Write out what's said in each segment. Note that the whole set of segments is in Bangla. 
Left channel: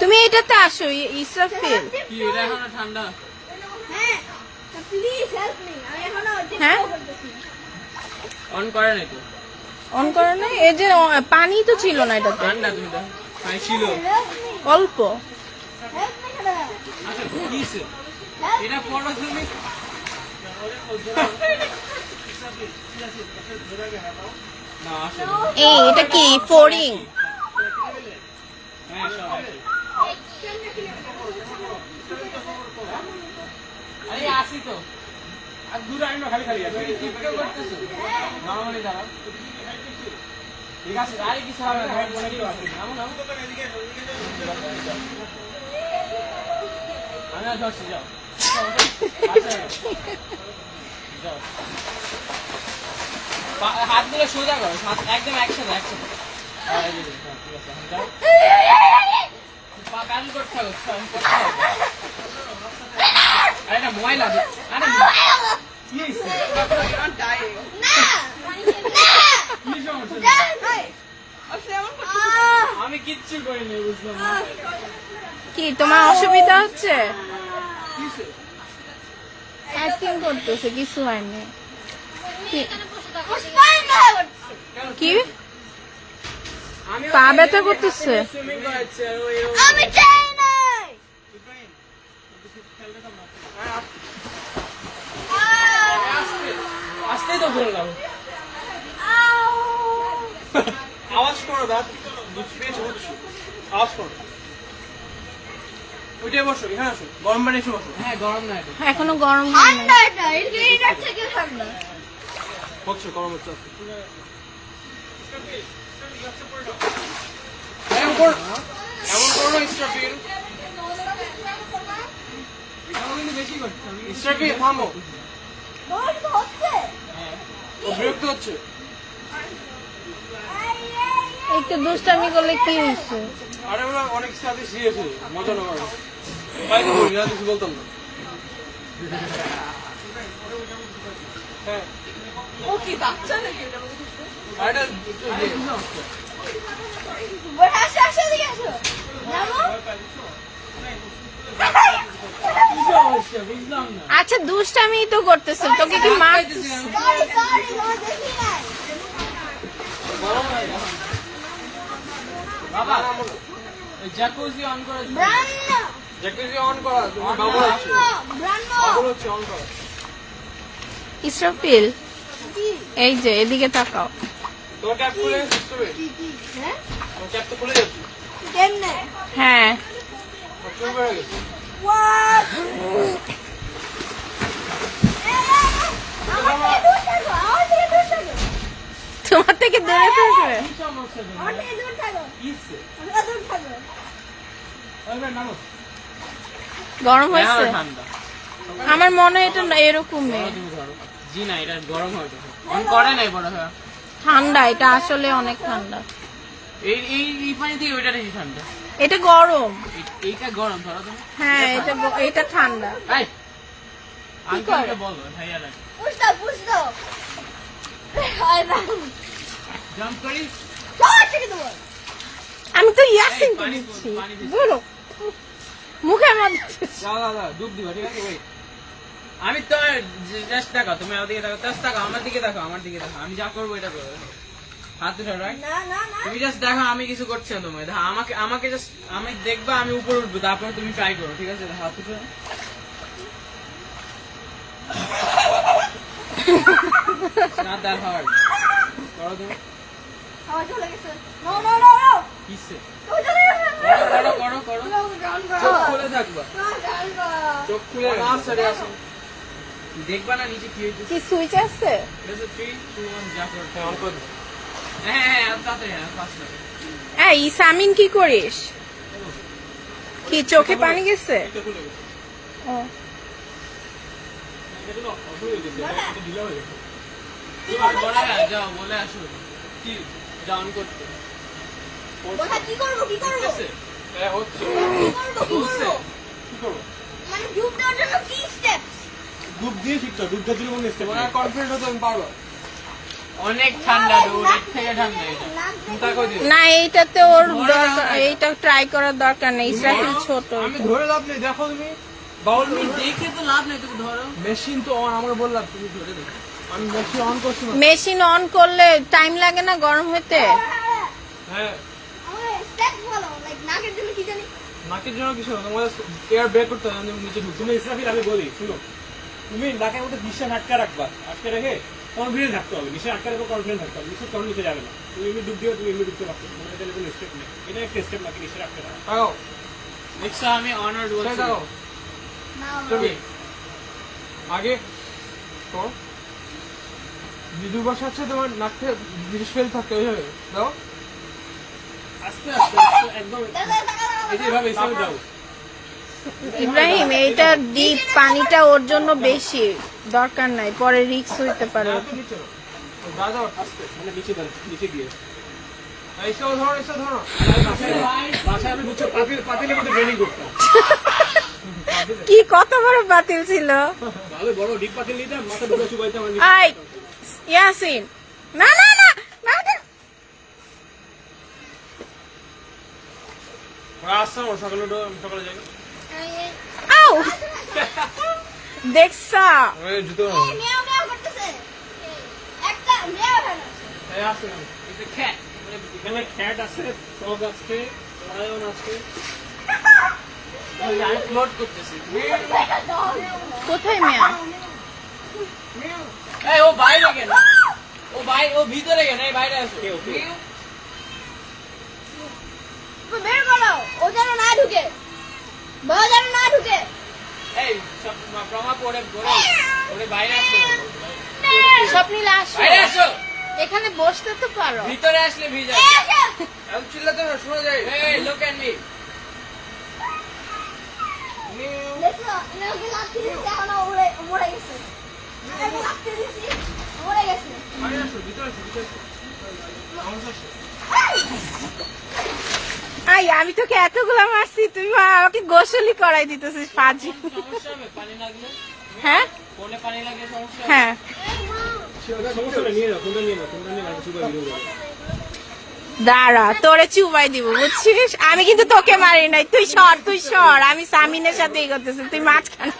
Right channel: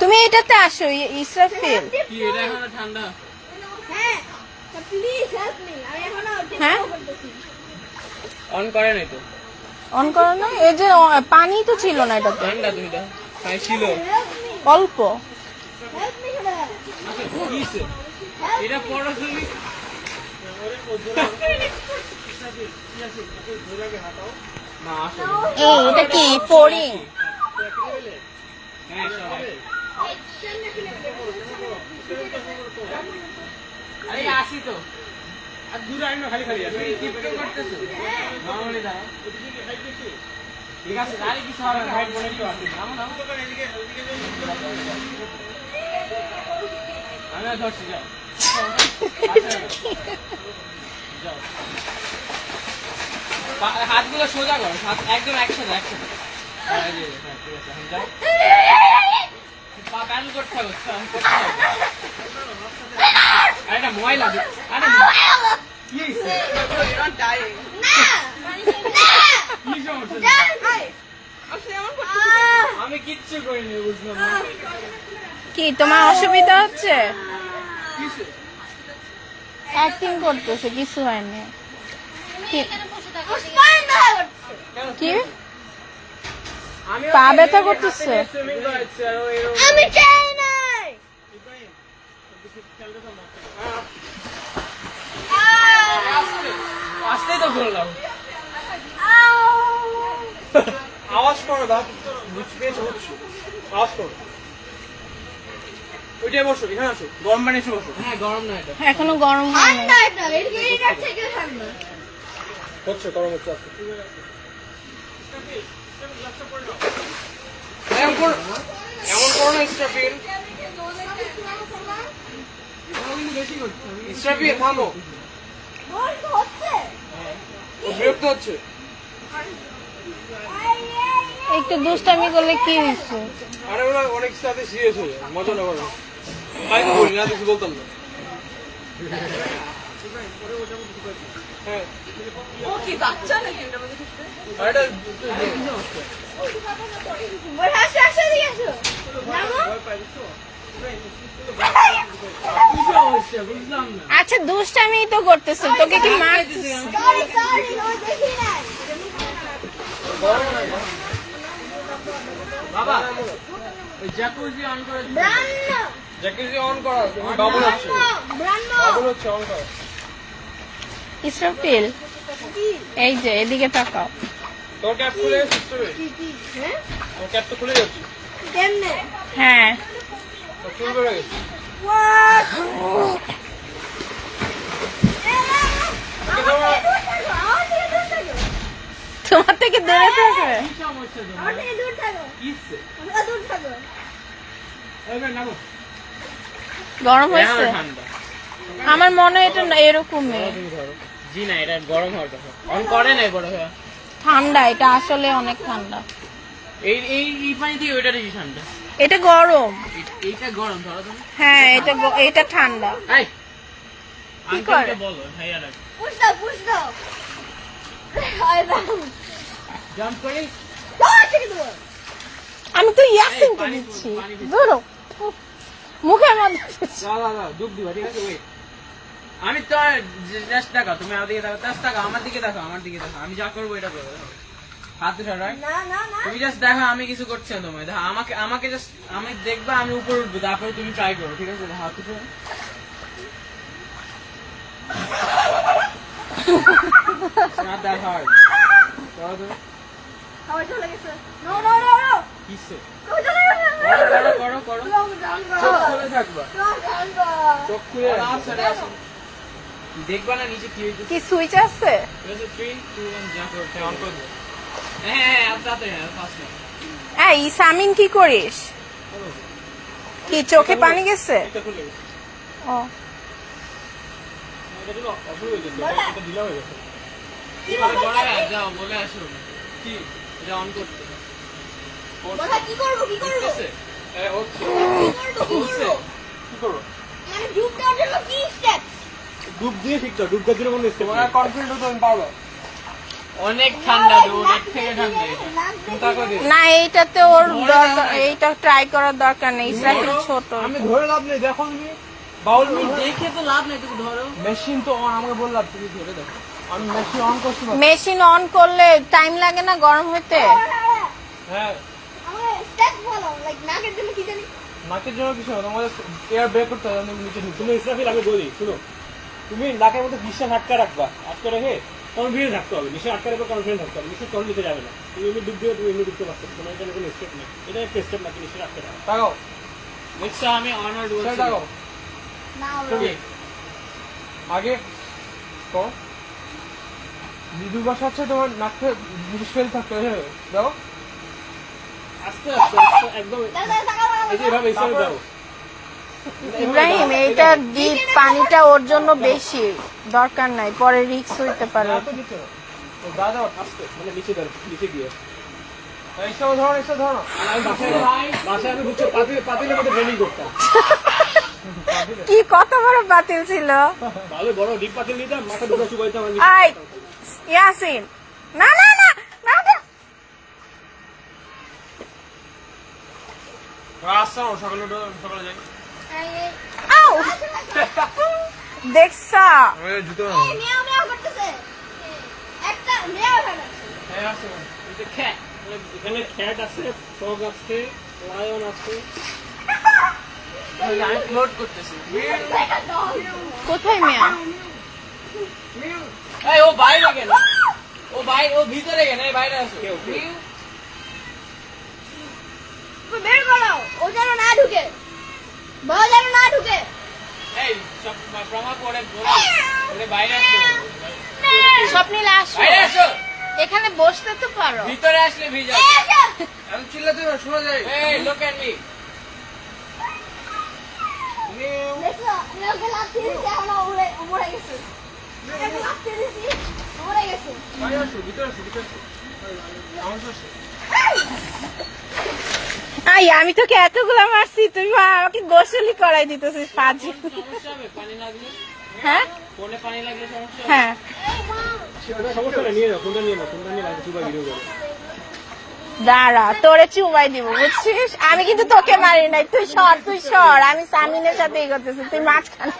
তুমি এটাতে আসো ইসরাফিল। ঠান্ডা হ্যাঁ অন করে নাই তো, অন করো না। এই যে পানি তো ছিল না এটাতে, ঠান্ডা তুমি দাও ছিল অল্প। এটা পড়ো তুমি। এই এটা কি ফোরিং? আরে আসি তো আর দূরে আইনো খালি খালি করতেছো নরমালি দাঁড়াও ঠিক আছে। আরে কিছু হবে না ভাই, বলে দিও আপনি নামো নামো আমি আর ধরছি যাও হাতগুলো সোজা করো, একদম একসাথে একসাথে। ঠিক আছে পা প্যান্ট করতে হবে। আরে না ময়লা, আরে কি আমি কিচ্ছু করিনি, বুঝলাম কি তোমার অসুবিধা হচ্ছে? অ্যাক্টিং করতেছে, কিছু হয়নি। কি পা ব্যথা করতেছে? আমি চাই না। আসতেই তো বললাম আওয়াজ করো, দাও বুঝছি আওয়াজ করো। ওইটাই বসো, এখানে আসো, গরম পানি এসে বসো। হ্যাঁ গরম না, এখনো গরম হয় না। হচ্ছে গরম হচ্ছে। থামো, বিরক্ত হচ্ছে। একটু দুষ্টামি করলে কি হচ্ছে? আরে ওরা অনেক সাথে শিখেছে, মজা না করে তাই তো বলি, কিছু বলতাম না। ও কি বাচ্চা নাকি? আচ্ছা দুষ্টামি তো করতেছে, তোকে কি মারতেছে? বাবা এই জ্যাকুজি অন করে, জ্যাকুজি অন করা, তুমি বাবুল হচ্ছে, বাবুল হচ্ছে, অন করা। ইসরাফিল এই যে এদিকে তাকাও। তোর ক্যাপ খুলে গেছে, তোর ক্যাপ তো খুলে গেছে। হ্যাঁ চুল করে গেছে। তোমার থেকে দূরে থাকে। গরম হয়েছে? আমার মনে হয় এটা এরকম জি না, এটা গরম হওয়ার কথা। অন করে নাই বড় হয় ঠান্ডা, এটা আসলে অনেক ঠান্ডা। এই পানি দিয়ে ওইটা বেশি ঠান্ডা। এটা গরম, এইটা গরম ধরো তুমি। হ্যাঁ এটা ঠান্ডা। আঙ্কেলকে বলো ভাইয়া রাখ। জাম্প করি, আমি তো ইয়াসিন তো দিচ্ছি, ধরো মুখের মধ্যে। ডুব দিবা, ঠিক আছে? আমি তো জাস্ট দেখো, তুমি আমার দিকে দেখো, জাস্ট দেখো, আমার দিকে দেখো, আমার দিকে দেখো, আমি যা করবো এটা করবো। হাত উঠে রাইট, তুমি জাস্ট দেখো, আমি কিছু করছি না। তোমার দেখো, আমাকে জাস্ট আমি দেখবা, আমি উপরে উঠবো, তারপরে তুমি ট্রাই করো, ঠিক আছে? হাত উঠে not that hard. করো তুমি। কিসে? করো। চোখ খুলে থাকবা, চোখ খুলে দেখবা না নিচে কি হইতেছে। কি সুইচ আছে? 3, 2, 1 যা করো, অন করে দে। হ্যাঁ তাতে ফাস্ট। এই সামিন কি করিস? কি চোখে পানি গেছে? এটা খুলে গেছে। ও যাও বলে আসো কি এটা অন করতে। কি করবো? মানে ডুব দেওয়ার জন্য কি স্টেপ? ডুব দিয়ে শিখছো, ডুব দেওয়ার জন্য কোন স্টেপ? তোমার কনফিডেন্স আমি পারবো। অনেক ঠান্ডা, অনেক থেকে ঠান্ডা। চিন্তা করে না এইটাতে ওর এইটা ট্রাই করার দরকার নেই, ইসরাফিল ছোট। আমি ধরে লাভ নেই, দেখো তুমি বাউল দেখে তো লাভ নেই, তুমি ধরো। মেশিন তো অন, আমাকে বললাম তুমি ধরে দেখো। আমি মেশিন অন করছি। মেশিন অন করলে টাইম লাগে না গরম হতে? হ্যাঁ নাকের জন্য কি জানি, নাকের জন্য কিছু না, আমাদের এয়ার বের করতে হবে নিচে। তুমি ইসরাফিল আমি বলি শুনো, তুমি নাকের মধ্যে নিঃশ্বাস আটকে রাখবা, আটকে রেখে কনফিডেন্স থাকতে হবে। নিশ্চয় আটকে রাখবে, কনফিডেন্স থাকতে হবে। নিশ্চয় কখন নিতে যাবে না, তুমি এমনি ডুব দিয়ে তুমি এমনি ডুবতে পারছো, তোমার এখানে কোনো স্টেপ নেই। এটা একটা স্টেপ নাকি নিশ্চয় রাখতে হবে। তাকাও দেখছো আমি অনার্ড বলছি। তাকাও তুমি আগে তো মৃদু ভাষা আছে, তোমার নাকে জিনিস ফেল থাকতে হবে। দাও আস্তে আস্তে একদম এই যে এভাবে হিসাবে দাও। ইব্রাহিম এইটা ডিপ, পানিটা ওর জন্য বেশি, দরকার নাই, পরে রিস্ক হতে পারে। দাদা আস্তে মানে নিচে দাও, নিচে দিয়ে এইসব ধরো, এইসব ধরো। আর বাসায় আমি বুঝছো পাতিলের মধ্যে ট্রেনিং করতাম। কি কত বড় বাতিল ছিল! ভালো বড় ডিপ পাতিল নিতাম, মাথা দুটো চুবাইতাম। আই ইয়াসিন, না না না না তো। আসছো সকালে উঠো, সকালে যাই। আউ দেখছা জুতো মেয়াও মেয়াও করতেছে, একটা মেয়াও কেন? হ্যাঁ আসে এখানে খ্যাট আছে, ফগ আছে, লায়ন আছে। আমি ফ্লোট করতেছি। কোথায় মেয়া? এই ও বাইরে কেন? ও ভিতরে কেন? এই বাইরে আছে। বের করো, ও যেন না ঢুকে, বউ যেন না ঢুকে। এই সব প্রমাণ পড়ে ওরে বাইরে আসো। স্বপ্নিল আসো, বাইরে আসো। এখানে বসতে তো পারো। ভিতরে আসলে ভিজা। আমি চিল্লাতে পারো, শোনা যায়। এই লোক এট মি। দেখো এরকম লাফতে দিচ্ছে, এখন মরে গেছে। এরকম লাফতে দিচ্ছি, মরে গেছে। বাইরে আসো, ভিতরে আসো, ভিতরে আসো। আমার কাছে আই আমি তোকে এতগুলো মারছি, তুই আমাকে গোসলি করাই দিতেছিস ফাজি। সমস্যা হবে পানি লাগলে? হ্যাঁ ফোনে পানি লাগলে সমস্যা হবে? হ্যাঁ সমস্যা নেই, নিয়ে যাও, ফোনটা নিয়ে নাও, ফোনটা নিয়ে বাইরে চুবাই ভিডিও করো। দাঁড়া, তোরে চুবাই দিব বুঝছিস? আমি কিন্তু তোকে মারি নাই, তুই সর, আমি সামিনের সাথে এই করতেছি, তুই মাঝখানে,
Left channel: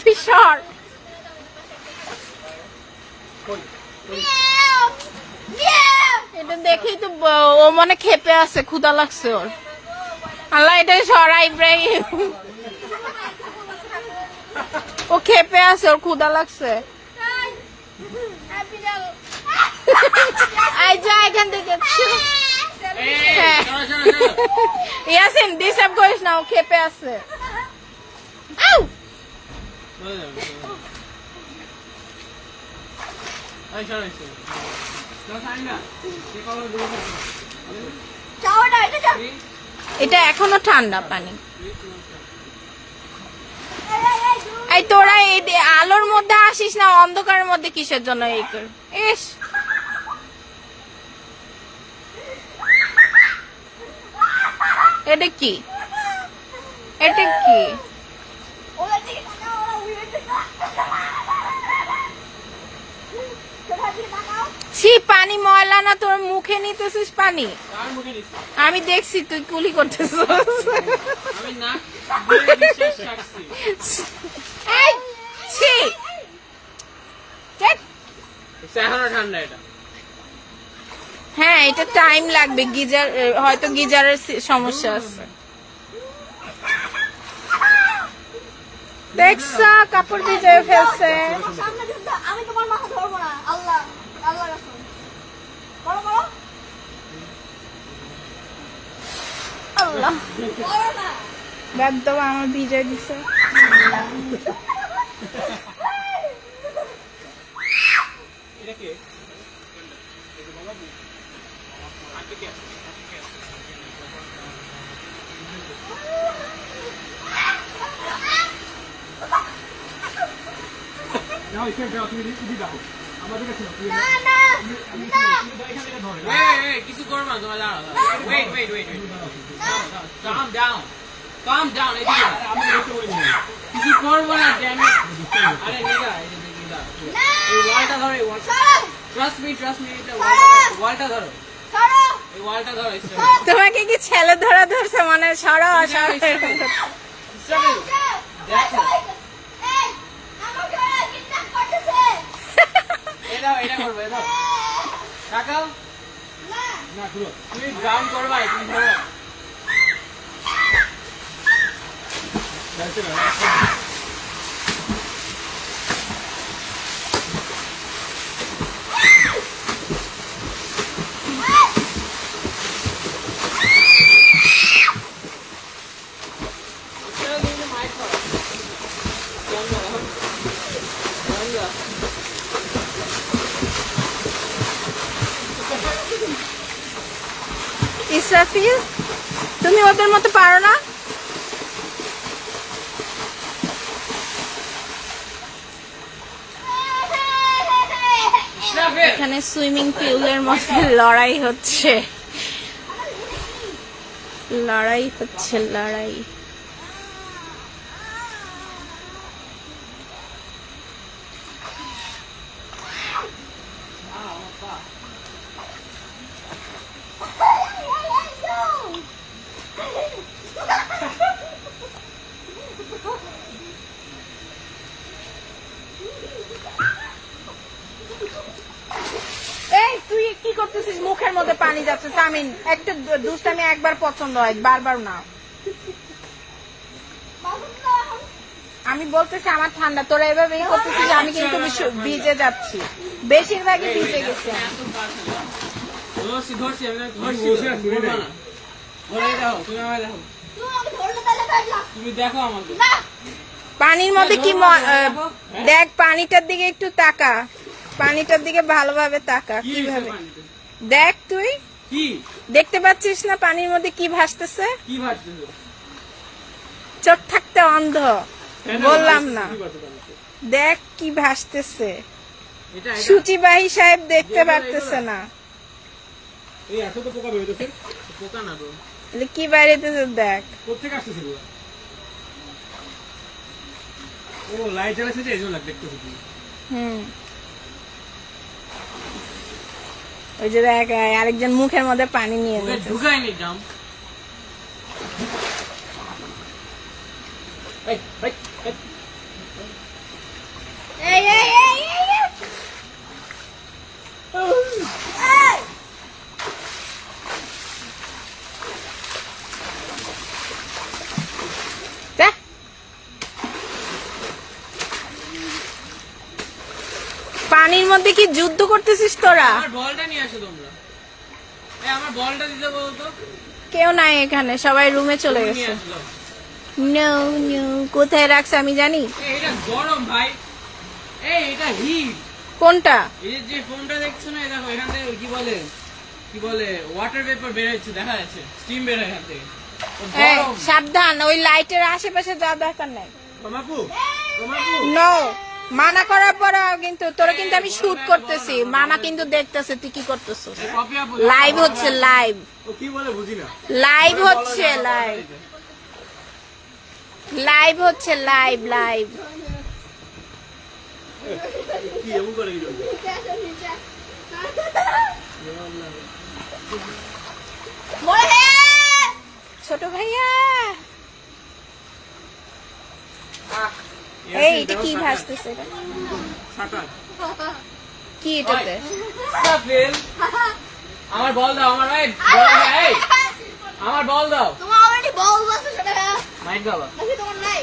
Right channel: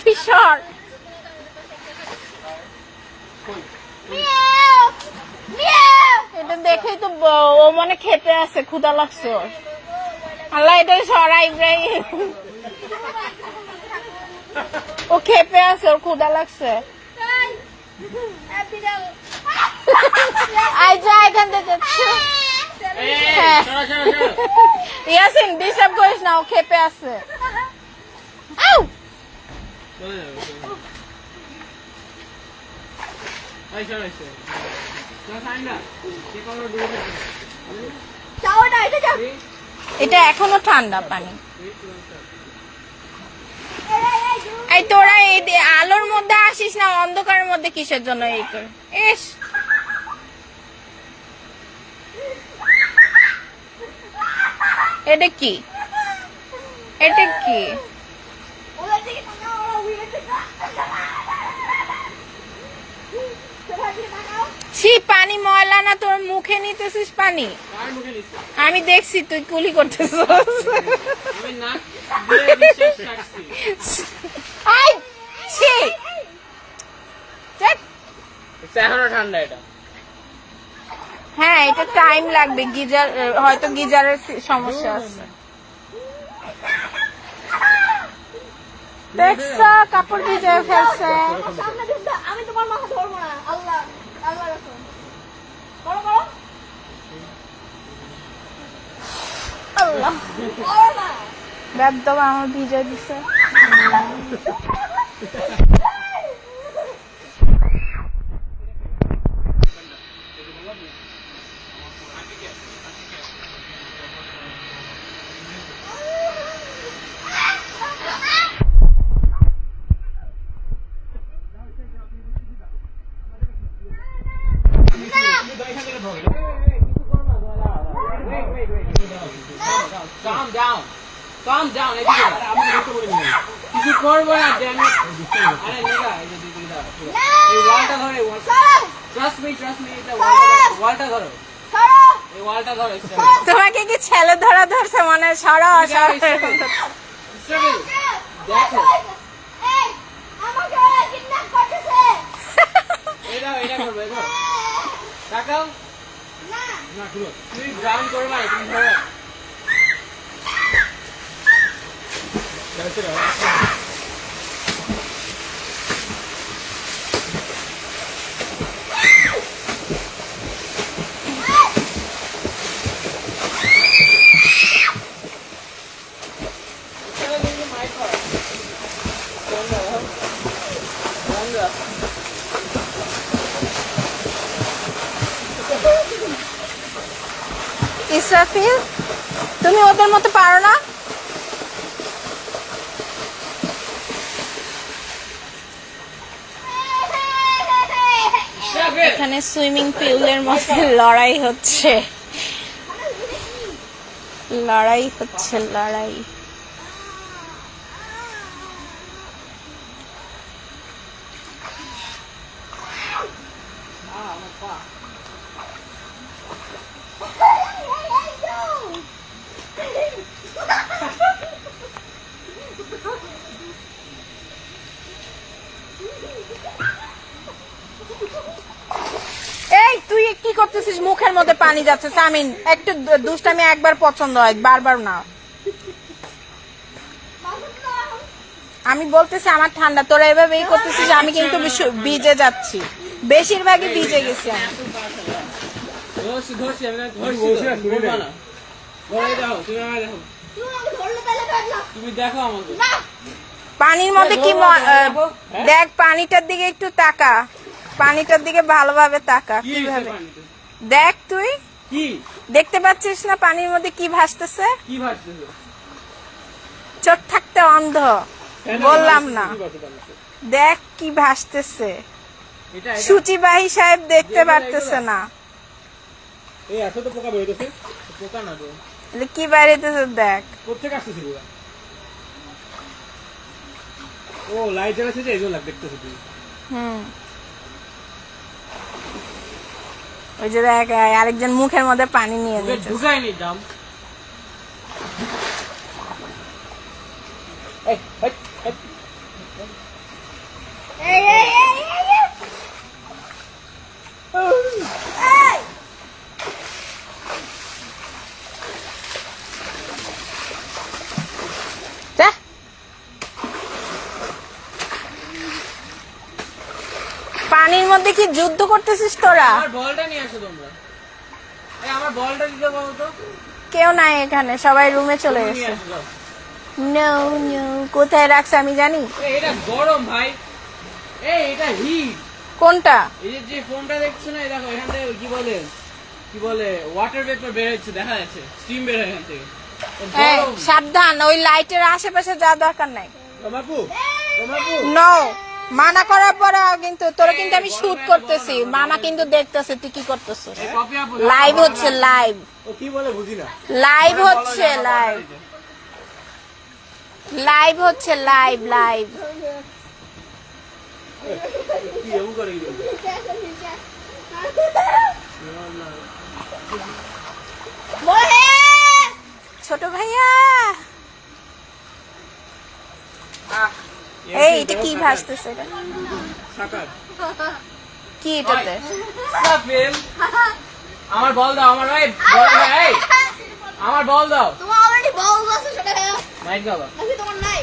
তুই সর। এটা দেখেই তো ও মনে খেপে আছে, ক্ষুধা লাগছে ওর। আল্লাহ এটাই সরা ইব্রাহিম, ও খেপে আছে, ওর ক্ষুধা লাগছে। আই যা এখান থেকে। এই, সরো, সরো, সরো। ইয়াসিন ডিস্টার্ব করিস না, ও খেপে আছে। আউ! এই, সরো, সরো। সরো, ঠান্ডা। কে পারো ডুবে থাকে? চাওয়াটা এটা যা। এটা এখনো ঠান্ডা পানি। এই এই তোরা এই আলোর মধ্যে আসিস না, অন্ধকারের মধ্যে কিসের জন্য এই কর? ইস এটা কি? এটা কি? ওদের দিকে তাকাও, ওরা উড়ে দিকে। তোরা দিকে তাকাও। সি পানি ময়লা না, তোর মুখে নিতেছিস পানি? কার মুখে দিচ্ছি? আমি দেখছি তুই কুলি করতেছিস। আমি নাক দিয়ে নিঃশ্বাস ছাড়ছি। আই ছি, এখনো ঠান্ডা এটা। হ্যাঁ এটা টাইম লাগবে, গিজার হয়তো গিজারের সমস্যা আছে। দেখছা কাপড় ভিজে ফেলছে। আমার সামনে কিন্তু আমি তোমার মাথা ধরবো না। আল্লাহ আল্লাহ রাখো। করো করো। আল্লাহ করো না। বাদ দাও, আমার ভিজে দিছে। এটা কি? নাও এখানে যাও, তুমি দিদি দাও আমাদের কাছে নাও, তুমি না না না। তুমি দাও, এখান থেকে ধরে এই, কিছু করো না, তোমার দাঁড়াও। Wait. Calm down. Calm down. এদিকে দাও। আমাকে ধরতে বলি না। কিছু করবো না, damn it. আরে নিয়ে যা, এই যে দিদি দাও। এই ওয়ালটা ধরো, এই ওয়ালটা। Trust me, এটা ওয়ালটা ধরো। এই ওয়ালটা ধরো, তোমাকে কি ছেলে ধরা ধরছে মানে সরা দেখো আমাকে ওরা কিডন্যাপ করতেছে এটা করবো, এটা টাকা না না শুনো তুমি গ্রাউন্ড করবা, তুমি ধরো। ইসরাফিল তুমি ওদের মতো পারো না? এখানে সুইমিং পুলের মধ্যে লড়াই হচ্ছে, লড়াই। এই তুই কি করতেছিস? মুখের মধ্যে পানি যাচ্ছে। সামিন একটু দুষ্টামি একবার পছন্দ হয়, বারবার না। আমি বলতেছি আমার ঠান্ডা, তোরা এভাবে এই করতেছিস, আমি কিন্তু ভিজে যাচ্ছি, বেশিরভাগই ভিজে গেছি আমি। ধরছি আমি, তুমি দেখো আমাকে। পানির মধ্যে কি দেখ, পানিটার দিকে একটু তাকা, পানিটার দিকে ভালোভাবে তাকা। দেখ তুই কি দেখতে পাচ্ছিস না পানির মধ্যে কি ভাসতেছে? কি ভাবতেছো? চোখ থাকতে অন্ধ, বললাম না? দেখ কি ভাসতেছে। এটা সূচিবাহী সাহেব দেখতে পারতেছে না। এই এত তো পোকা বেরোতেছে, পোকা না তো, কি বাইরেতেছে দেখ। কোথেকে আসতেছে পোকা? ও লাইট জ্বালাচ্ছে যে এই জন্য দেখতেছে তুমি। ওই যে দেখ আরেকজন মুখের মধ্যে পানি নিয়ে গেছে। ঢুকাইনি দাম। পানির মধ্যে কি যুদ্ধ করতেছিস তোরা? আমার বলটা নিয়ে আসো তোমরা। এই আমার বলটা দিতে বলো তো। কেউ নাই এখানে, সবাই রুমে চলে গেছে। নো নো, কোথায় রাখছে আমি জানি। এটা গরম ভাই, এটা হিট। কোনটা? এই যে ফোনটা দেখছো না, দেখো এখান থেকে কি বলে ওয়াটার ভেপার বের হচ্ছে, দেখা যাচ্ছে স্টিম বের হয় এখান থেকে। সাবধান, ওই লাইটের আশেপাশে যা দরকার নাই। রমাপু নো, মানা করার পরে কিন্তু তোরা কিন্তু আমি শুট করতেছি, মানা কিন্তু দেখতেছে তুই কি করতেছিস। লাইভ হচ্ছে, লাইভ। ও কি বলে বুঝি না। লাইভ হচ্ছে, লাইভ হচ্ছে, লাইভ। কি এমন করে কি ছোট ভাইয়া, এই এটা কি ভাসতেছে? কি এটাতে? আমার বল দাও, আমার ভাই আমার বল দাও। তোমার অলরেডি বলস আছে সেটা মাইক বাবা। তোমার নাই